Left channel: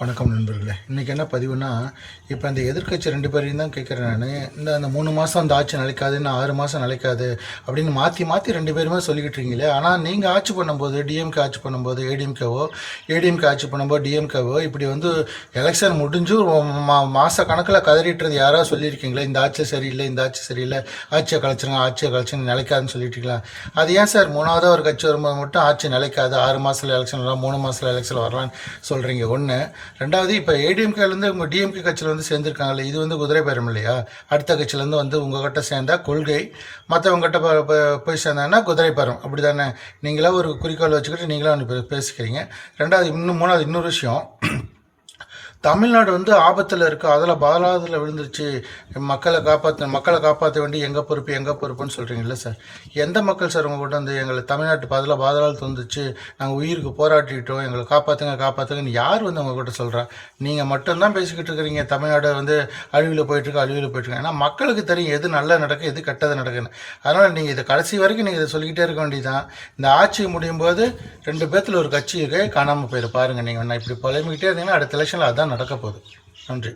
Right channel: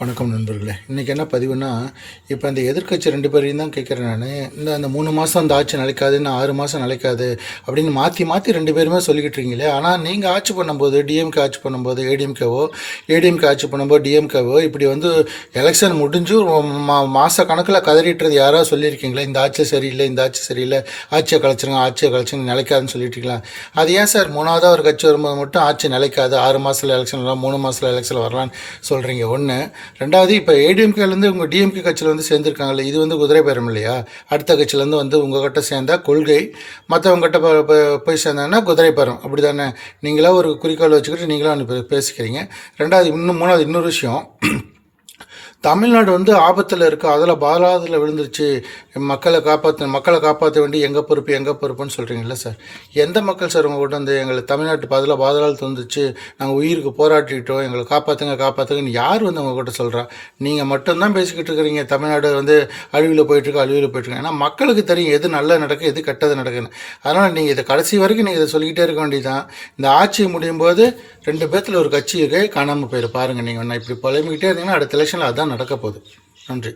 வணக்கம் நண்பர்களே. இன்றைக்கி என்ன பதிவுனா, இப்போ அந்த எதிர்க்கட்சி 2 பேரையும் தான் கேட்குறேன் நான். அந்த 3 மாதம் அந்த ஆட்சி நிலைக்காது, இன்னும் 6 மாதம் நிலைக்காது அப்படின்னு மாற்றி மாற்றி 2 பேருமே சொல்லிக்கிட்டு இருக்கீங்களே. ஆனால் நீங்கள் ஆட்சி பண்ணும்போது, டிஎம்கே ஆட்சி பண்ணும்போது ஏடிஎம்கே ஆட்சி பண்ணும்போது டிஎம்கேவோ இப்படி வந்து எலெக்ஷன் முடிஞ்சு மாத கணக்கில் கதறிட்டுறது யாராவது சொல்லியிருக்கீங்களா? இந்த ஆட்சி சரியில்லை, இந்த ஆட்சி சரியில்லை, ஆட்சியை கழிச்சிருங்க நிலைக்காதுன்னு சொல்லிட்டுருக்கலாம். அது ஏன் சார் 3ஆவதாக ஒரு கட்சி வரும்போது மட்டும் ஆட்சி நிலைக்காது, 6 மாதத்தில் எலெக்ஷன் வரலாம், 3 மாதத்தில் எலெக்ஷன் வரலான்னு சொல்கிறீங்க? ஒன்று. ரெண்டாவது, இப்போ ஏடிஎம்கேலேருந்து உங்கள் டிஎம்கே கட்சியில் வந்து சேர்ந்துருக்காங்கல்ல, இது வந்து குதிரை பேரம் இல்லையா? அடுத்த கட்சியிலேருந்து வந்து உங்கள்கிட்ட சேர்ந்தால் கொள்கை, மற்றவங்ககிட்ட போய் சேர்ந்தாங்கன்னா குதிரை பேரம், அப்படி தானே? நீங்களா ஒரு குறிக்கோள் வச்சுக்கிட்டு நீங்களாம் ஒன்று பேசிக்கிறீங்க. ரெண்டாவது, மூணாவது இன்னொரு விஷயம், தமிழ்நாடு வந்து ஆபத்தில் இருக்குது, அதில் பாலாதில் விழுந்துருச்சு, மக்களை காப்பாற்ற வேண்டி எங்கள் பொறுப்புன்னு சொல்கிறீங்களா சார்? எந்த மக்கள் சார் உங்கள் வந்து எங்களை தமிழ்நாட்டு பாதாளத்தில் வந்துச்சு, நாங்கள் உயிருக்கு போராட்டிட்டோம், எங்களை காப்பாற்றுங்கன்னு யார் வந்து உங்கள்கிட்ட சொல்கிறா? நீங்கள் மட்டும்தான் பேசிக்கிட்டு இருக்கிறீங்க தமிழ்நாடு வந்து அழிவில் போயிட்டுருக்கு. ஏன்னா மக்களுக்கு தெரியும் எது நல்லது நடக்கும், எது கெட்டது நடக்குன்னு. அதனால் நீங்கள் இதை கடைசி வரைக்கும் நீங்கள் இதை சொல்லிக்கிட்டே இருக்க வேண்டியதான். இந்த ஆட்சி முடியும் போது 2 பேர்த்தில் ஒரு கட்சி இருக்கே காணாமல் போயிரு பாருங்கள். நீங்கள் இப்படி புலம்பிக்கிட்டே இருந்தீங்கன்னா அடுத்த எலெக்ஷனில் அதான் நடக்க போகுது. நன்றி.